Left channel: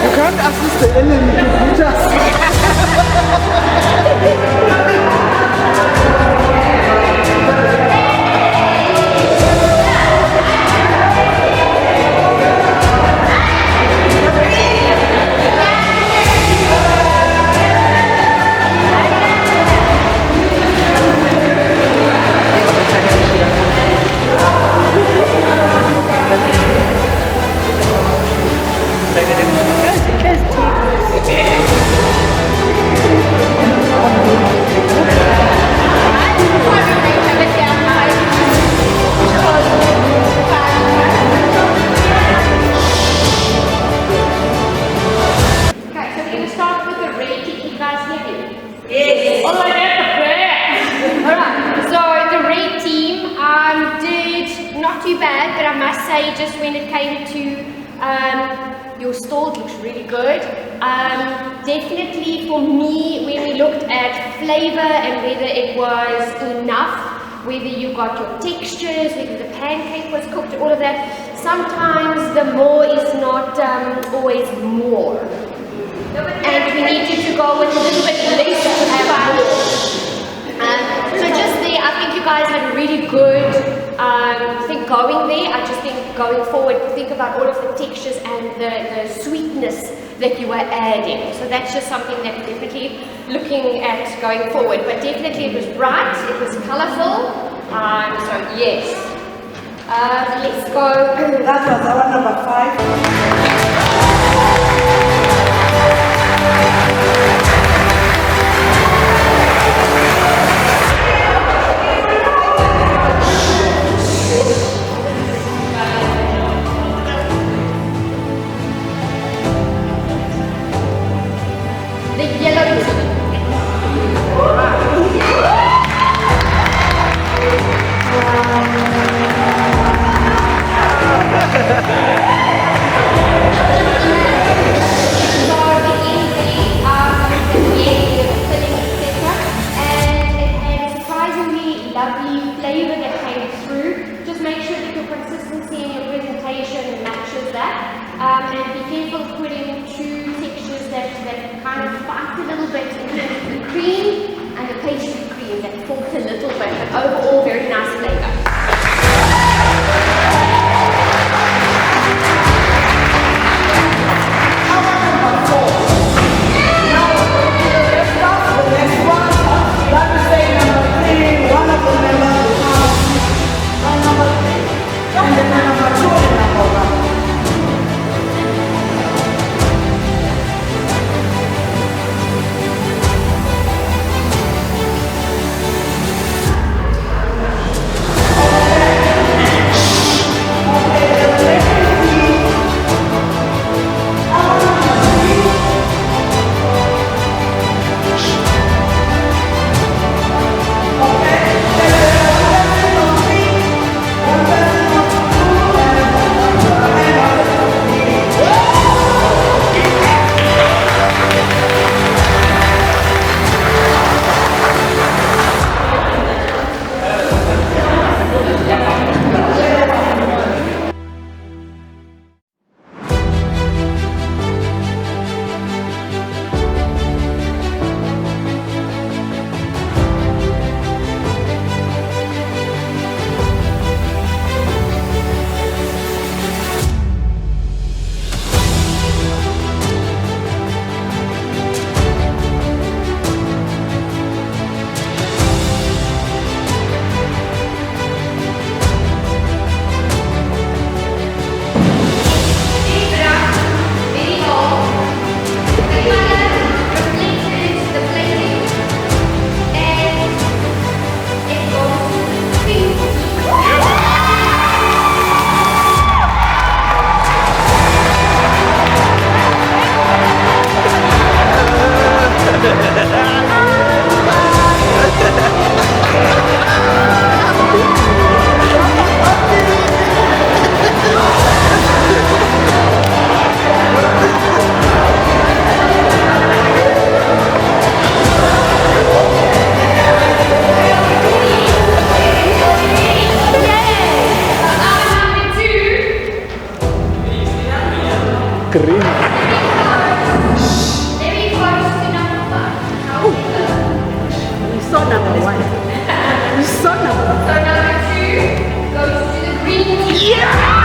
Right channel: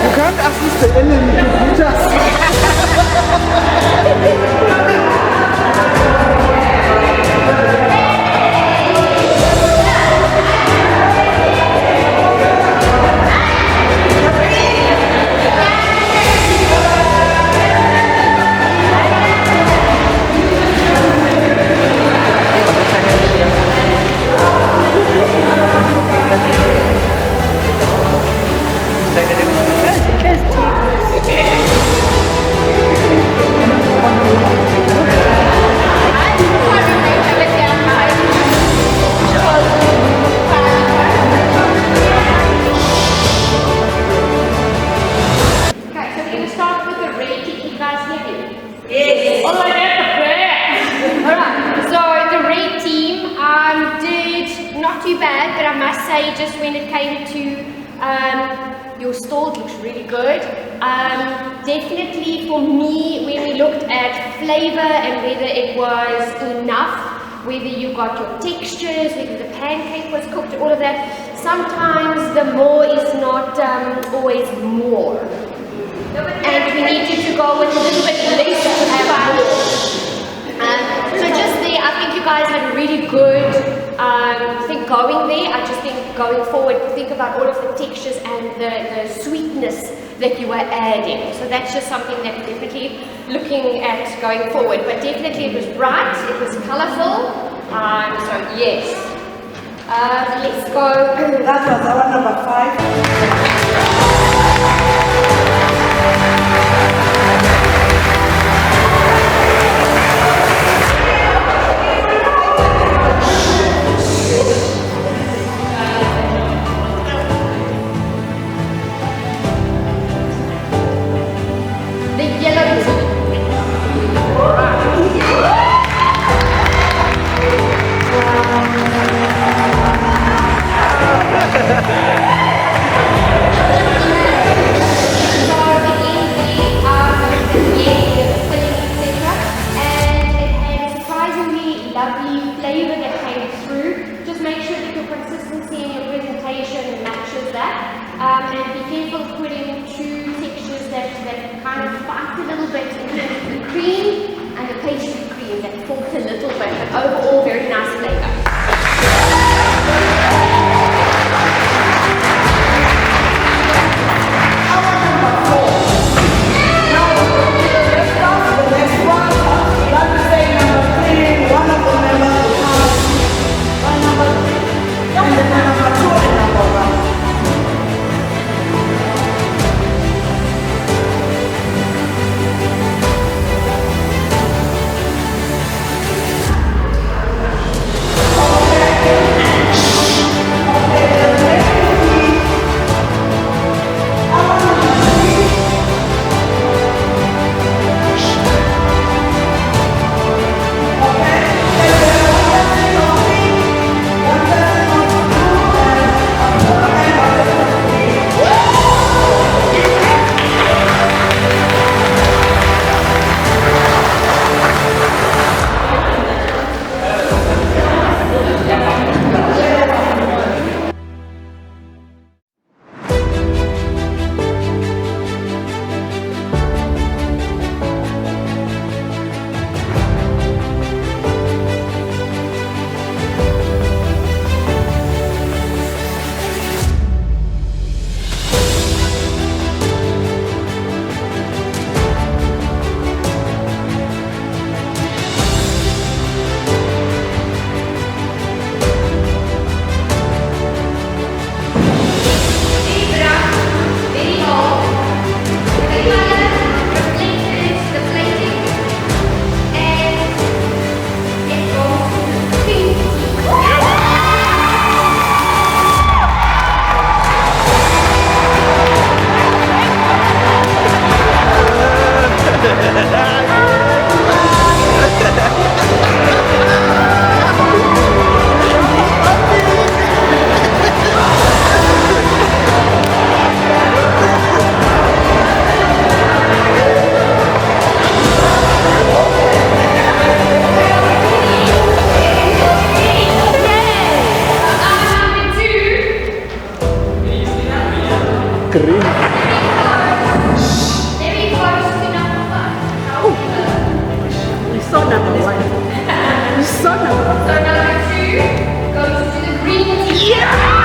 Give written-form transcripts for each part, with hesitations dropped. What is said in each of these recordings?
Du kannst assiste Ellen Computers. Not too bad, but I must say, just when it came to your stall, it looks really good. Definitely for me, when we looked at flavor and whether it was enough, whether you got your textures, whether the pancake was cooked, all of that, sometimes the more is not always more. And we need you to go with a little bit less fun. So just there, I think you guys had a really good thing going there. I just think going forward, think about all of the textures and the sweetness that you were adding. So that's just something that we're definitely looking at going forward. But definitely it was bright, it was colourful. So yes. Let's go. That was our number 5. The yellow tea. Lovely flavor that came through. Just make sure that your consistency in your presentation matches that. And be careful of putting two textures that kind of fight a little bit in terms of the cream and the pastry cream that fought a little bit, but overall very nice flavor. Kering. We saw number 1. We saw number 1. So number 2 goes to the green tea. Yeah!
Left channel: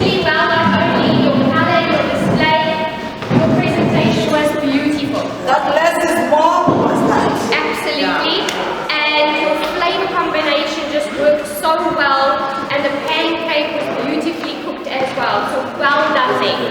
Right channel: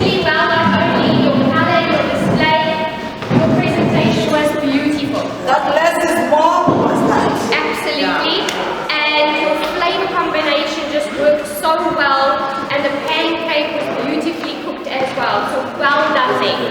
exceptionally well, not only your color, your display, your presentation was beautiful. That less is more was nice. Absolutely. And your flavor combination just worked so well, and the pancake was beautifully cooked as well. So well done there.